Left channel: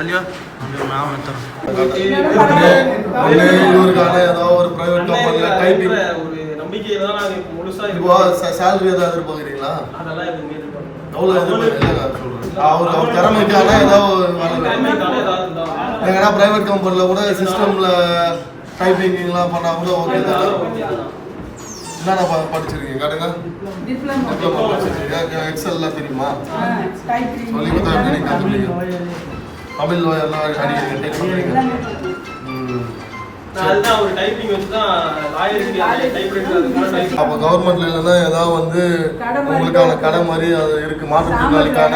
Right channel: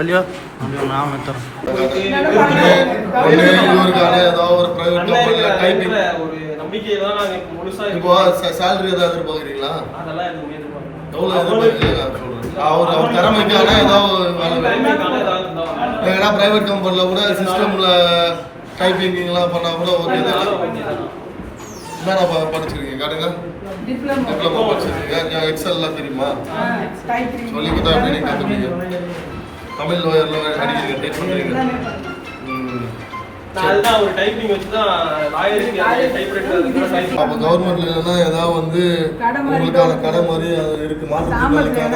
சொல்லியோ அப்படி நான் மெத்தறேன் ஒரு நம்பிக்கை தான். நாங்க முழுசா இப்போ சேலரி ஏதாவது எதிர்பார்க்குறீங்களா? அதெல்லாம் எதுவுமே எதிர்பார்க்கல. எவ்வளோ எதிர்பார்க்குறீங்க சொல்றேன். அவர் திறமைக்கான ஏதாவது ஏன்னா பிரைவேட் கம்பெனியில் கூட சிஸ்டமில் டைப்பிங்லாம் பண்ணால் கூட ஓகே தான். என்னென்ன படிச்சிருக்கீங்க கேட்டுங்க? டிப்ளமோ படிச்சிருக்கீங்க. எக்ஸல்லாம் தெரியுமா? சொல்லி தான் கற்றுக்கீங்க. தமிழ் லோயர்லாம் அடிக்கிறீங்க, டைப் பண்ணுறீங்க. அப்போ கவர்மெண்ட்ல இல்லைன்னா ஏதாவது வந்து உங்களுக்கான கடை மாதிரி அது இருக்கு. மாற்றுத்திறனாளிக்கான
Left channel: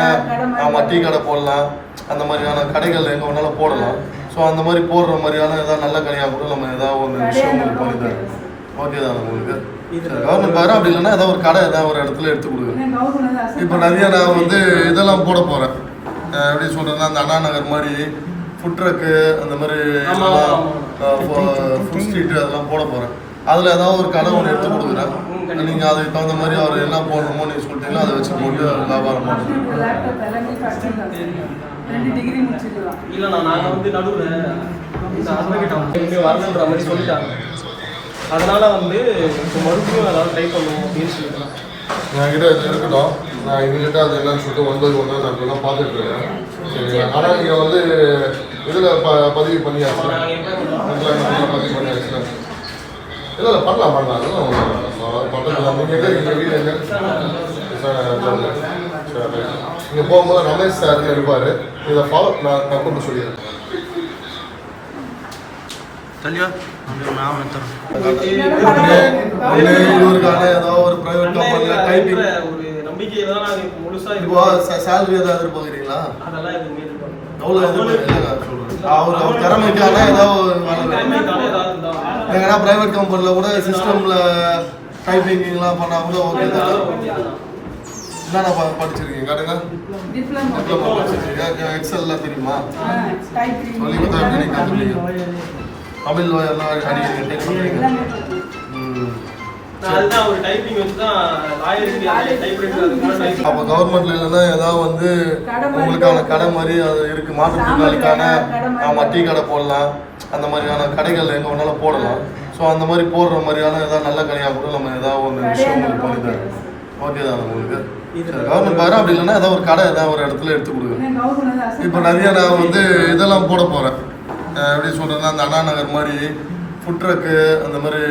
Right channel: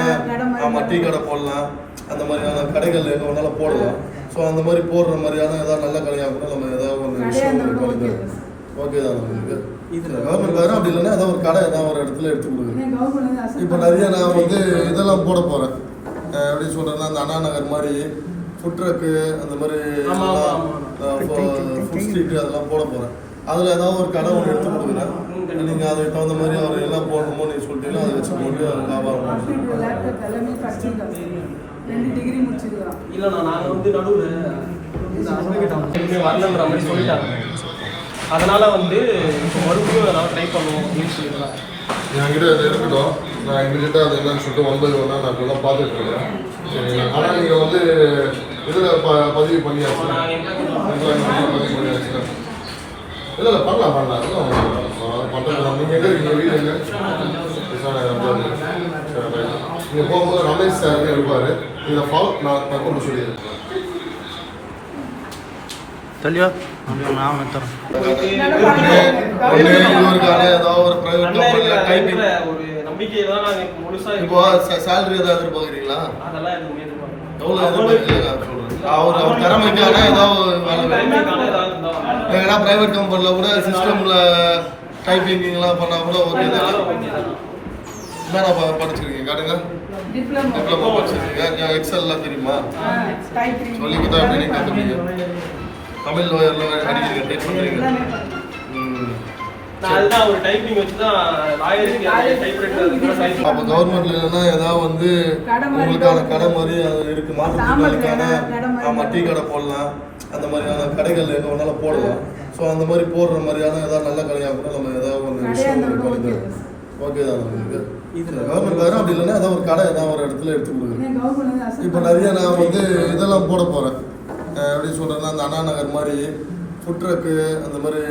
டீ கடை போடலாம். அந்த மாதிரியான கடைகள் எங்கே வேணாலும் போடலாம். ஸோ அந்த மாதிரி போடுற மாதிரியான ஏதாவது நல்ல கடையாக கூட நம்ம ஏதாவது ஒரு விஷயம் பண்ணி தரோம். ஓகே தான் உங்களுக்கு கவர்மெண்ட் பாரு. அப்படி இல்லைன்னா ஏதாவது ஒரு கடை ஏதாவது ஒரு இடத்துல எடுத்து கொடுக்குறேன். இப்போ நிறைய நான் வந்து இதெல்லாம் போட போகிறேன். எப்படி சொல்கிறேன்னா அந்த அண்ணா நகர் மாதிரி ஃபுட் ட்ரக்கு அந்த மாதிரி ஃபுட் ஸ்ட்ரீட்டு அதெல்லாம் போட போகிறேன். அதில் ஏதாவது ஒரு கடை ஒன்று எடுத்து கொடுக்குறேன். நீங்கள் அதுக்கு தகுந்த மாதிரி அவர் என்ன போடணுமோ நீங்கள் சொல்லிட்டீங்கன்னா அதை வச்சு போட்டு வியாபாரம் இல்லைண்ணா நாங்கள் வந்து நடுவில் வரலன்ற மாதிரி சொல்லிட்டாங்க. அதனால வந்து இப்போ மறுபடியும் ஏதாவது ட்ரை பண்ணுவோம் அப்படின்னு சொல்லிடலாம். என்கிட்ட அது இருக்கட்டும். நான் இமீடியட்டாக அது என்னன்னு சொல்லிட்டு 9 நான் அதெல்லாம் பார்த்துட்டு இருக்கேன். சரிங்களா? ஆனால் நீங்கள் வந்து இதில் பதிவு பண்ணியாச்சு. பதிவு பண்ணியாச்சு. இல்லை பண்ணலாம் பண்ணலாம் நீங்கள் எங்கே வீடு எங்கே நீங்கள் போகும்போது ரமேஷ் சார் இருப்பார். இதை ஃபாலோ நான் கூப்பிட்டு சொல்லிடுறேன். சொல்லியோ அப்படி நான் மெத்தறேன் ஒரு நம்பிக்கை தான். நாங்க முழுசா இப்போ சேலரி ஏதாவது எதிர்பார்க்குறீங்களா? அதெல்லாம் எதுவுமே எதிர்பார்க்கல. எவ்வளோ எதிர்பார்க்குறீங்க சொல்றேன். அவர் திறமைக்கான ஏதாவது ஏன்னா பிரைவேட் கம்பெனியில் கூட சிஸ்டமில் டைப்பிங்லாம் பண்ணால் கூட ஓகே தான். என்னென்ன படிச்சிருக்கீங்க கேட்டுங்க? டிப்ளமோ படிச்சிருக்கீங்க. எக்ஸல்லாம் தெரியுமா? சொல்லி தான் கற்றுக்கீங்க. தமிழ் லோயர்லாம் அடிக்கிறீங்க, டைப் பண்ணுறீங்க. அப்போ கவர்மெண்ட்ல இல்லைன்னா ஏதாவது வந்து உங்களுக்கான கடை மாதிரி அது இருக்கு. மாற்றுத்திறனாளிக்கான டீ கடை போடலாம். அந்த மாதிரியான கடைகள் எங்கே வேணாலும் போடலாம். ஸோ அந்த மாதிரி போடுற மாதிரியான ஏதாவது நல்ல கடையாக கூட நம்ம ஏதாவது ஒரு விஷயம் பண்ணி தரோம். ஓகே தான் உங்களுக்கு கவர்மெண்ட் பாரு. அப்படி இல்லைன்னா ஏதாவது ஒரு கடை ஏதாவது ஒரு இடத்துல எடுத்து கொடுக்குறேன். இப்போ நிறைய நான் வந்து இதெல்லாம் போட போகிறேன். எப்படி சொல்கிறேன்னா அந்த அண்ணா நகர் மாதிரி ஃபுட் ட்ரக்கு அந்த மாதிரி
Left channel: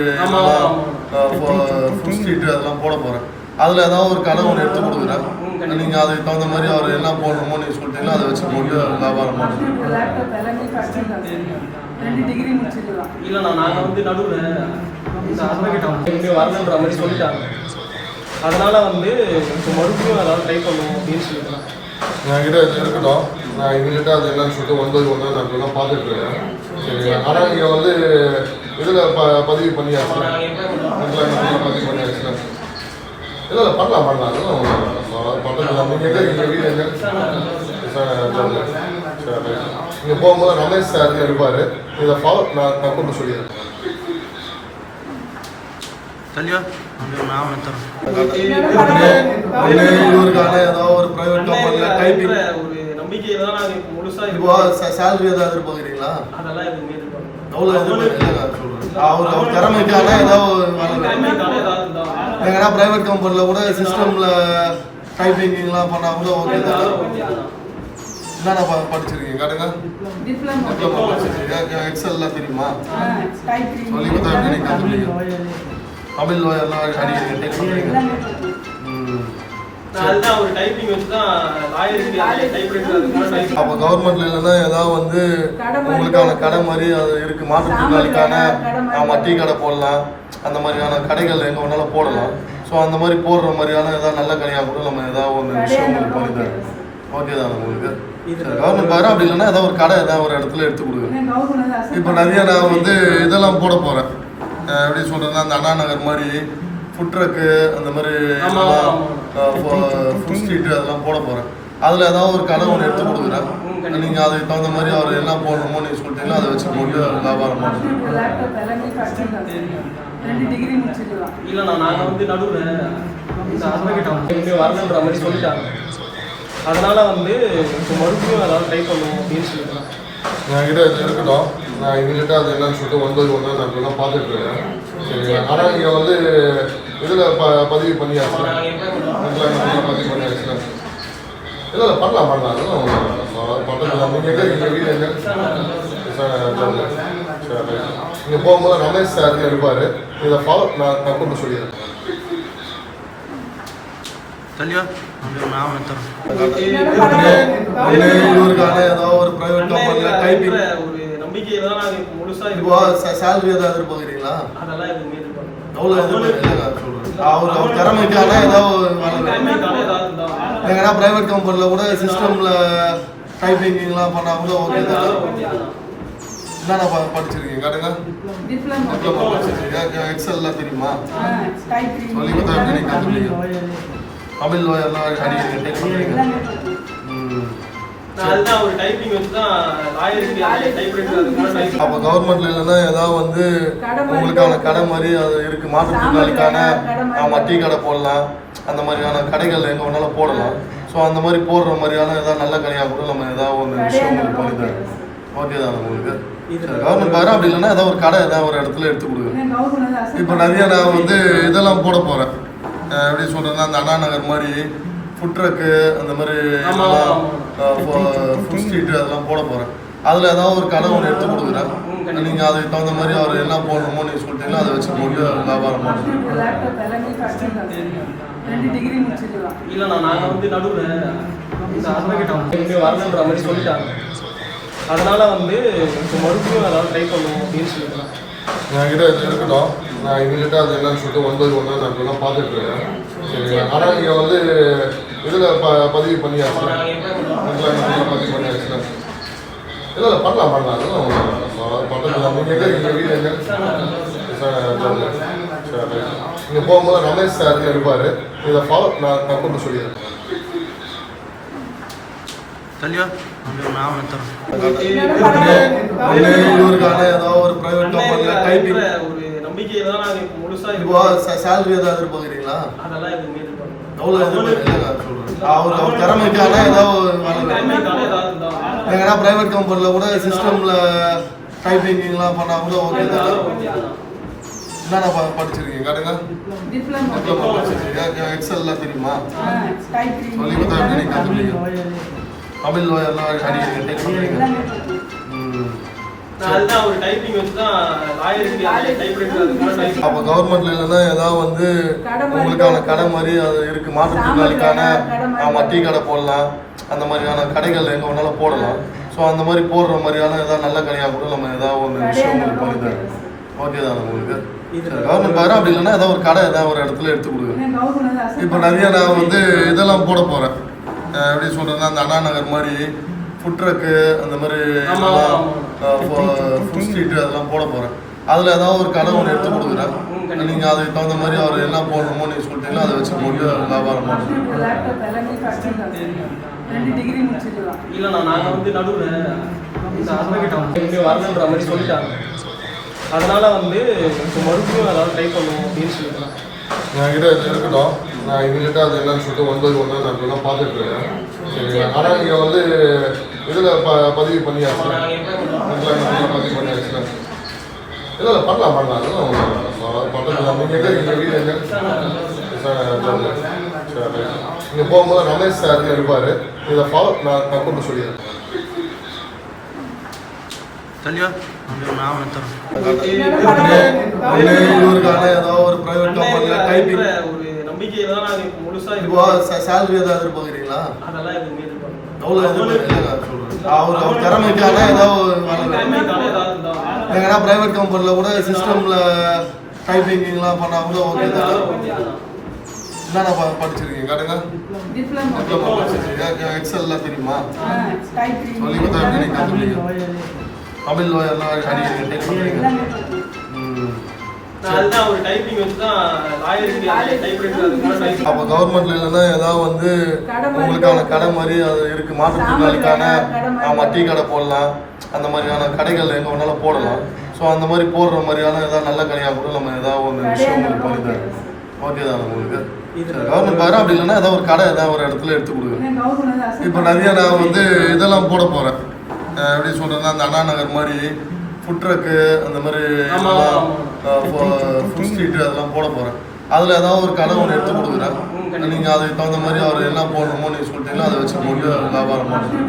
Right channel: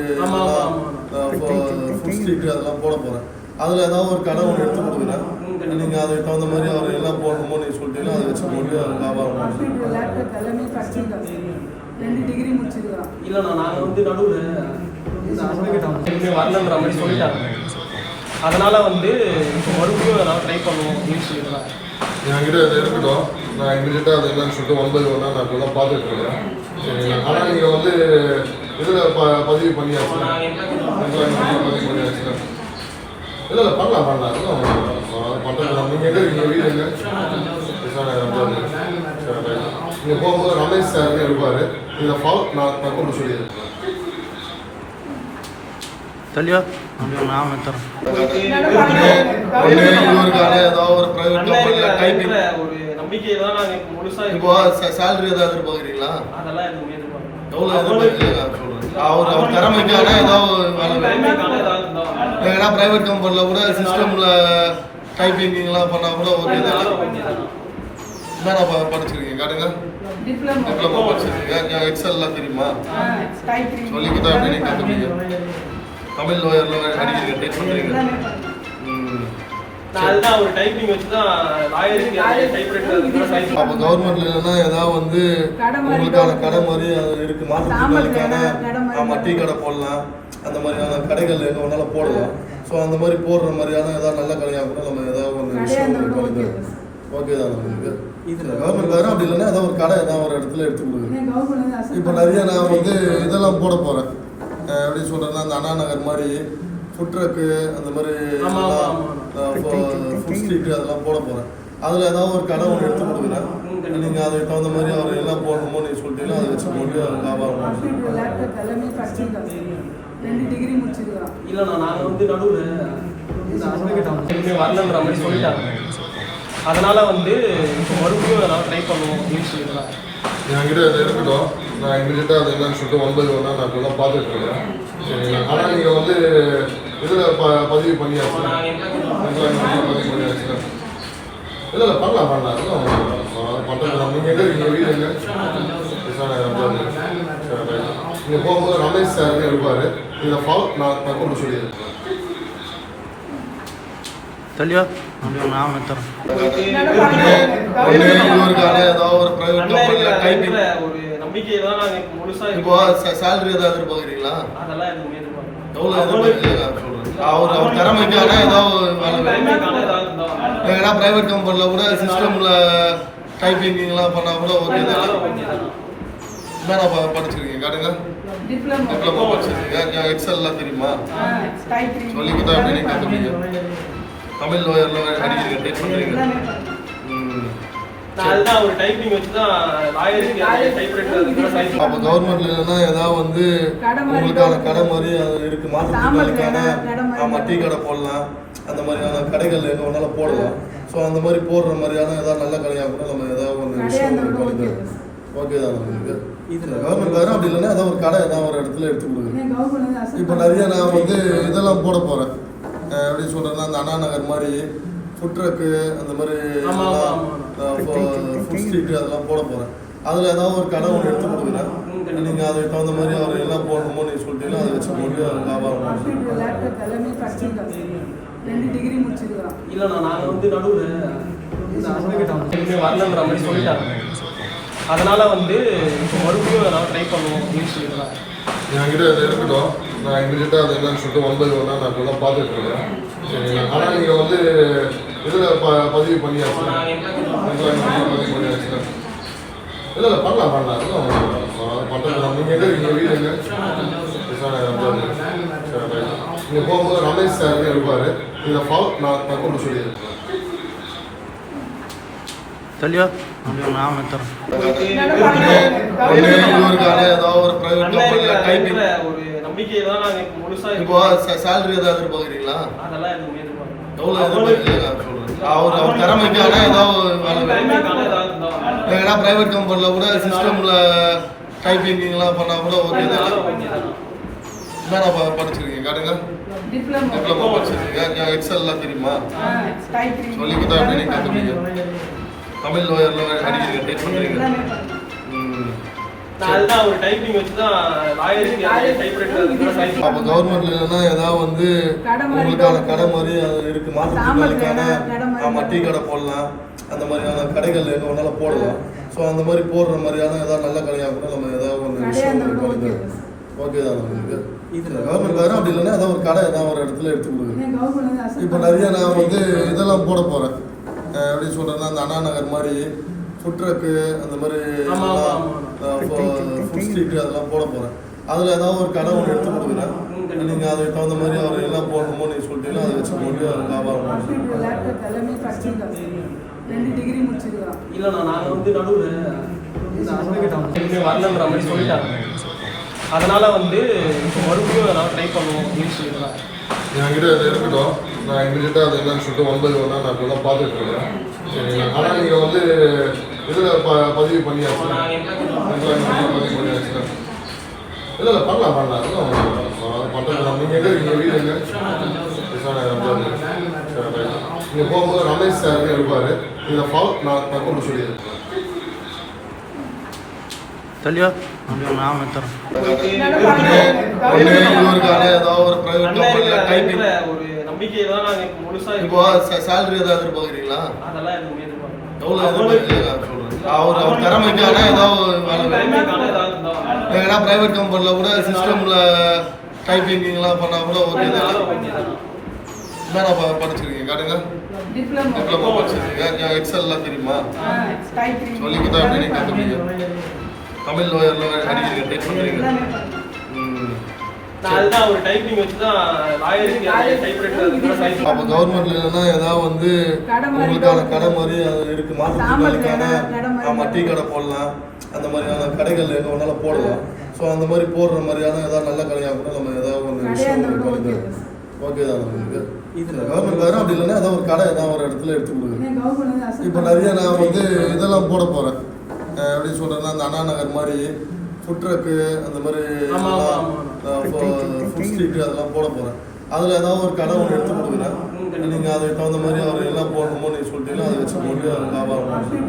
ஃபுட் ஸ்ட்ரீட்டு அதெல்லாம் போட போகிறேன். அதில் ஏதாவது ஒரு கடை ஒன்று எடுத்து கொடுக்குறேன். நீங்கள் அதுக்கு தகுந்த மாதிரி அவர் என்ன போடணுமோ நீங்கள் சொல்லிட்டீங்கன்னா அதை வச்சு போட்டு வியாபாரம் இல்லைண்ணா நாங்கள் வந்து நடுவில் வரலன்ற மாதிரி சொல்லிட்டாங்க. அதனால வந்து இப்போ மறுபடியும் ஏதாவது ட்ரை பண்ணுவோம் அப்படின்னு சொல்லிடலாம். என்கிட்ட அது இருக்கட்டும். நான் இமீடியட்டாக அது என்னன்னு சொல்லிட்டு 9 நான் அதெல்லாம் பார்த்துட்டு இருக்கேன். சரிங்களா? ஆனால் நீங்கள் வந்து இதில் பதிவு பண்ணியாச்சு. பதிவு பண்ணியாச்சு. இல்லை பண்ணலாம் பண்ணலாம் நீங்கள் எங்கே வீடு எங்கே நீங்கள் போகும்போது ரமேஷ் சார் இருப்பார். இதை ஃபாலோ நான் கூப்பிட்டு சொல்லிடுறேன். சொல்லியோ அப்படி நான் மெத்தறேன் ஒரு நம்பிக்கை தான். நாங்க முழுசா இப்போ சேலரி ஏதாவது எதிர்பார்க்குறீங்களா? அதெல்லாம் எதுவுமே எதிர்பார்க்கல. எவ்வளோ எதிர்பார்க்குறீங்க சொல்றேன். அவர் திறமைக்கான ஏதாவது ஏன்னா பிரைவேட் கம்பெனியில் கூட சிஸ்டமில் டைப்பிங்லாம் பண்ணால் கூட ஓகே தான். என்னென்ன படிச்சிருக்கீங்க கேட்டுங்க? டிப்ளமோ படிச்சிருக்கீங்க. எக்ஸல்லாம் தெரியுமா? சொல்லி தான் கற்றுக்கீங்க. தமிழ் லோயர்லாம் அடிக்கிறீங்க, டைப் பண்ணுறீங்க. அப்போ கவர்மெண்ட்ல இல்லைன்னா ஏதாவது வந்து உங்களுக்கான கடை மாதிரி அது இருக்கு. மாற்றுத்திறனாளிக்கான டீ கடை போடலாம். அந்த மாதிரியான கடைகள் எங்கே வேணாலும் போடலாம். ஸோ அந்த மாதிரி போடுற மாதிரியான ஏதாவது நல்ல கடையாக கூட நம்ம ஏதாவது ஒரு விஷயம் பண்ணி தரோம். ஓகே தான் உங்களுக்கு கவர்மெண்ட் பாரு. அப்படி இல்லைன்னா ஏதாவது ஒரு கடை ஏதாவது ஒரு இடத்துல எடுத்து கொடுக்குறேன். இப்போ நிறைய நான் வந்து இதெல்லாம் போட போகிறேன். எப்படி சொல்கிறேன்னா அந்த அண்ணா நகர் மாதிரி ஃபுட் ட்ரக்கு அந்த மாதிரி ஃபுட் ஸ்ட்ரீட்டு அதெல்லாம் போட போகிறேன். அதில் ஏதாவது ஒரு கடை ஒன்று எடுத்து கொடுக்குறேன். நீங்கள் அதுக்கு தகுந்த மாதிரி அவர் என்ன போடணுமோ நீங்கள் சொல்லிட்டீங்கன்னா அதை வச்சு போட்டு வியாபாரம் இல்லைண்ணா நாங்கள் வந்து நடுவில் வரலன்ற மாதிரி சொல்லிட்டாங்க. அதனால வந்து இப்போ மறுபடியும் ஏதாவது ட்ரை பண்ணுவோம் அப்படின்னு சொல்லிடுறேன். என்கிட்ட இது இருக்கட்டும். நான் இமீடியட்டாக அது என்னன்னு சொல்லிட்டு 9 1 நான் இப்போதான் பார்த்துட்டு இருக்கேன். சரிங்களா? ஆனால் நீங்கள் வந்து இதில் பதிவு பண்ணியாச்சு. பதிவு பண்ணியாச்சு. இல்லை பண்ணலாம் அதெல்லாம் பண்ணலாம். நீங்கள் எங்கே நீங்கள் வீடு எங்கே நீங்கள் போகும்போது ரமேஷ் சார்னு இருப்பார். இதை ஃபாலோ நான் கூப்பிட்டு சொல்லிடுறேன். चलियो हम लोग नाम में तरह ஒரு நம்பிக்கை தான் நாங்க இப்போ முழுசா இப்போ சேலரி ஏதாவது எதிர்பார்க்குறீங்களா? அதெல்லாம் எதுவுமே எதிர்பார்க்கல. எவ்வளோ எதிர்பார்க்குறீங்க சொல்கிறேன். அவர் திறமைக்கான ஏதாவது திறமைக்கான ஏதாவது இருந்தா ஏன்னா ப்ரைவேட் கம்பெனியில் கூட சிஸ்டமில் டைப்பிங்லாம் பண்ணால் கூட ஓகே தான். என்னென்ன படிச்சிருக்கீங்க கேட்டுங்க? டிப்ளமோ படிச்சிருக்கீங்க. எக்ஸல்லாம் தெரியுமா? சொல்லி கொடுத்தா எப்படி கற்றுக்கீங்க? தமிழ் லோயர்லாம் அடிக்கிறீங்க. நான் அதுதான் ஒரு டைப்பிங் வச்சு தான் லாயருக்கு டைப்ரைட்டர் அதுக்கு டைப். அப்போ கவர்மெண்ட்ல இல்லைன்னா ஏதாவது வந்து உங்களுக்கான கடை மாதிரி அது இருக்கு. மாற்றுத்திறனாளிக்கான டீ கடை போடலாம். அந்த மாதிரியான கடைகள் எங்கே வேணாலும் போடலாம். ஸோ அந்த மாதிரி போடுற மாதிரியான ஏதாவது நல்ல கடையாக கூட நம்ம ஏதாவது ஒரு விஷயம் பண்ணி தரோம். ஓகே தானே உங்களுக்கு? கவர்மெண்ட் பாரு. அப்படி இல்லைன்னா ஏதாவது ஒரு கடை ஏதாவது ஒரு இடத்துல எடுத்து கொடுங்க. இப்போ நிறைய நான் வந்து இதெல்லாம் போட போகிறேன். எப்படி சொல்கிறதுனா அந்த அண்ணா நகர் மாதிரி ஃபுட் ட்ரக்கு அந்த மாதிரி ஃபுட் ஸ்ட்ரீட்டு அதெல்லாம் போட போகிறேன். அதில் ஏதாவது ஒரு கடை ஒன்று எடுத்து கொடுக்குறேன். நீங்கள் அதுக்கு தகுந்த மாதிரி அவர் என்ன போடணுமோ நீங்கள் சொல்லிட்டீங்கன்னா அதை வச்சு போட்டு வியாபாரம் பண்ணுறேன். இல்லைண்ணா நாங்கள் வந்து நடுவில் வரலன்ற மாதிரி சொல்லிட்டாங்க. அதனால வந்து இப்போ மறுபடியும் ஏதாவது ட்ரை பண்ணுவோம் அப்படின்னு சொல்லிடுறேன். என்கிட்ட இது இருக்கட்டும். நான் இமீடியட்டாக அது என்னன்னு சொல்லிட்டு 9 1 நான் இப்போதான் பார்த்துட்டு இருக்கேன். சரிங்களா? ஆனால் நீங்கள் வந்து இதில் பதிவு பண்ணியாச்சு. பதிவு பண்ணியாச்சு. இல்லை பண்ணலாம் அதெல்லாம் பண்ணலாம். நீங்கள் எங்கே நீங்கள் வீடு எங்கே நீங்கள் போகும்போது ரமேஷ் சார்னு இருப்பார். இதை ஃபாலோ நான் கூப்பிட்டு சொல்லிடுறேன். चलियो हम लोग नाम में तरह ஒரு நம்பிக்கை தான் நாங்க இப்போ முழுசா இப்போ சேலரி ஏதாவது எதிர்பார்க்குறீங்களா? அதெல்லாம் எதுவுமே எதிர்பார்க்கல. எவ்வளோ எதிர்பார்க்குறீங்க சொல்கிறேன். அவர் திறமைக்கான ஏதாவது திறமைக்கான ஏதாவது இருந்தா ஏன்னா ப்ரைவேட் கம்பெனியில் கூட சிஸ்டமில் டைப்பிங்லாம் பண்ணால் கூட ஓகே தான். என்னென்ன படிச்சிருக்கீங்க கேட்டுங்க? டிப்ளமோ படிச்சிருக்கீங்க. எக்ஸல்லாம் தெரியுமா? சொல்லி கொடுத்தா எப்படி கற்றுக்கீங்க? தமிழ் லோயர்லாம் அடிக்கிறீங்க. நான் அதுதான் ஒரு டைப்பிங் வச்சு தான் லாயருக்கு டைப்ரைட்டர் அதுக்கு டைப். அப்போ கவர்மெண்ட்ல இல்லைன்னா ஏதாவது வந்து உங்களுக்கான கடை மாதிரி அது இருக்கு. மாற்றுத்திறனாளிக்கான டீ கடை போடலாம். அந்த மாதிரியான கடைகள் எங்கே வேணாலும் போடலாம். ஸோ அந்த மாதிரி போடுற மாதிரியான ஏதாவது நல்ல கடையாக கூட நம்ம ஏதாவது ஒரு விஷயம் பண்ணி தரோம். ஓகே தானே உங்களுக்கு? கவர்மெண்ட் பாரு. அப்படி இல்லைன்னா ஏதாவது ஒரு கடை ஏதாவது ஒரு இடத்துல எடுத்து கொடுங்க. இப்போ நிறைய நான் வந்து இதெல்லாம் போட போகிறேன். எப்படி சொல்கிறதுனா அந்த அண்ணா நகர் மாதிரி ஃபுட் ட்ரக்கு அந்த மாதிரி ஃபுட் ஸ்ட்ரீட்டு அதெல்லாம் போட போகிறேன். அதில் ஏதாவது ஒரு கடை ஒன்று எடுத்து கொடுக்குறேன். நீங்கள் அதுக்கு தகுந்த மாதிரி அவர் என்ன போடணுமோ நீங்கள் சொல்லிட்டீங்கன்னா அதை வச்சு போட்டு வியாபாரம் பண்ணுறேன். இல்லைண்ணா நாங்கள் வந்து நடுவில் வரலன்ற மாதிரி சொல்லிட்டாங்க. அதனால வந்து இப்போ மறுபடியும் ஏதாவது ட்ரை பண்ணுவோம் அப்படின்னு சொல்லிடுறேன். என்கிட்ட இது இருக்கட்டும். நான் இமீடியட்டாக அது என்னன்னு சொல்லிட்டு 9 1 நான் இப்போதான் பார்த்துட்டு இருக்கேன். சரிங்களா? ஆனால் நீங்கள் வந்து இதில் பதிவு பண்ணியாச்சு. பதிவு பண்ணியாச்சு. இல்லை பண்ணலாம் அதெல்லாம் பண்ணலாம். நீங்கள் எங்கே நீங்கள் வீடு எங்கே நீங்கள் போகும்போது ரமேஷ் சார்னு இருப்பார். இதை ஃபாலோ நான் கூப்பிட்டு சொல்லிடுறேன். चलियो हम लोग नाम में तरह ஒரு நம்பிக்கை தான் நாங்க இப்போ முழுசா இப்போ சேலரி ஏதாவது எதிர்பார்க்குறீங்களா? அதெல்லாம் எதுவுமே எதிர்பார்க்கல. எவ்வளோ எதிர்பார்க்குறீங்க சொல்கிறேன். அவர் திறமைக்கான திறமைக்கான ஏதாவது இருந்தா ஏன்னா ப்ரைவேட் கம்பெனியில் கூட சிஸ்டமில் டைப்பிங்லாம் பண்ணால் கூட ஓகே தான். என்னென்ன படிச்சிருக்கீங்க கேட்டுங்க? டிப்ளமோ படிச்சிருக்கீங்க. எக்ஸல்லாம் தெரியுமா? சொல்லி கொடுத்தா எப்படி கற்றுக்கீங்க? தமிழ் லோயர்லாம் அடிக்கிறீங்க. நான் அதுதான் ஒரு டைப்பிங் வச்சு தான் லாயருக்கு டைப்ரைட்டர் அதுக்கு டைப். அப்போ கவர்மெண்ட்ல இல்லைன்னா ஏதாவது வந்து உங்களுக்கான கடை மாதிரி அது இருக்கு. மாற்றுத்திறனாளிக்கான டீ கடை போடலாம். அந்த மாதிரியான கடைகள் எங்கே வேணாலும் போடலாம். ஸோ அந்த மாதிரி போடுற மாதிரியான ஏதாவது நல்ல கடையாக கூட நம்ம ஏதாவது ஒரு விஷயம் பண்ணி தரோம். ஓகே தானே உங்களுக்கு? கவர்மெண்ட் பாரு, அப்படி இல்லைன்னா ஏதாவது ஒரு கடை ஏதாவது ஒரு இடத்துல எடுத்து கொடுக்குறேன். இப்போ நிறைய நான் வந்து இதெல்லாம் போட போகிறேன். எப்படி சொல்கிறேன்னா அந்த அண்ணா நகர் மாதிரி ஃபுட் ட்ரக்கு அந்த மாதிரி ஃபுட் ஸ்ட்ரீட்டு அதெல்லாம் போட போகிறேன். அதில் ஏதாவது ஒரு கடை ஒன்று எடுத்து கொடுக்குறேன். நீங்கள் அதுக்கு தகுந்த மாதிரி அவர் என்ன போடணுமோ நீங்கள் சொல்லிட்டீங்கன்னா அதை வச்சு போட்டு வியாபாரம் பண்ணுறேன்.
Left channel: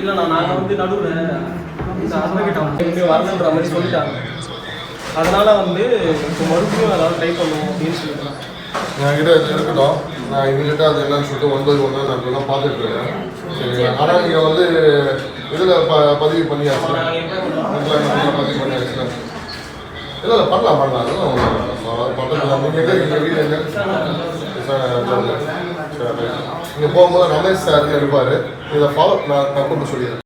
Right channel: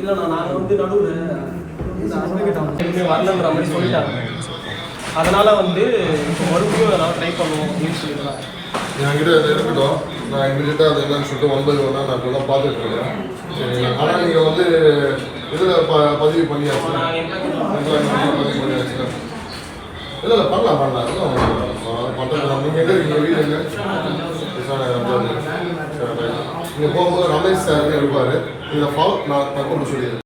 இல்லைண்ணா நாங்கள் வந்து நடுவில் வரணுன்ற மாதிரி சொல்லிட்டாங்க. அதனால வந்து இப்போ மறுபடியும் ஏதாவது ட்ரை பண்ணுவோம் அப்படின்னு சொல்லிடுறான். என்கிட்ட இது இருக்கட்டும், நான் இமீடியட்டாக அது என்னன்னு சொல்லிட்டு 9 நான் இப்போதான் பார்த்துட்டு இருக்கேன். சரிங்களா? ஆனால் நீங்கள் வந்து இதில் பதிவு பண்ணியாச்சு, பதிவு பண்ணியாச்சுன்னா இல்லை பண்ணலாம் அதெல்லாம் நீங்கள் எங்கே நீங்கள் வீடு எங்கே நீங்கள் போகும்போது ரமேஷ் சார்னு இருப்பார். இதை ஃபாலோ நான் கூப்பிட்டு சொல்லிடுறேன்.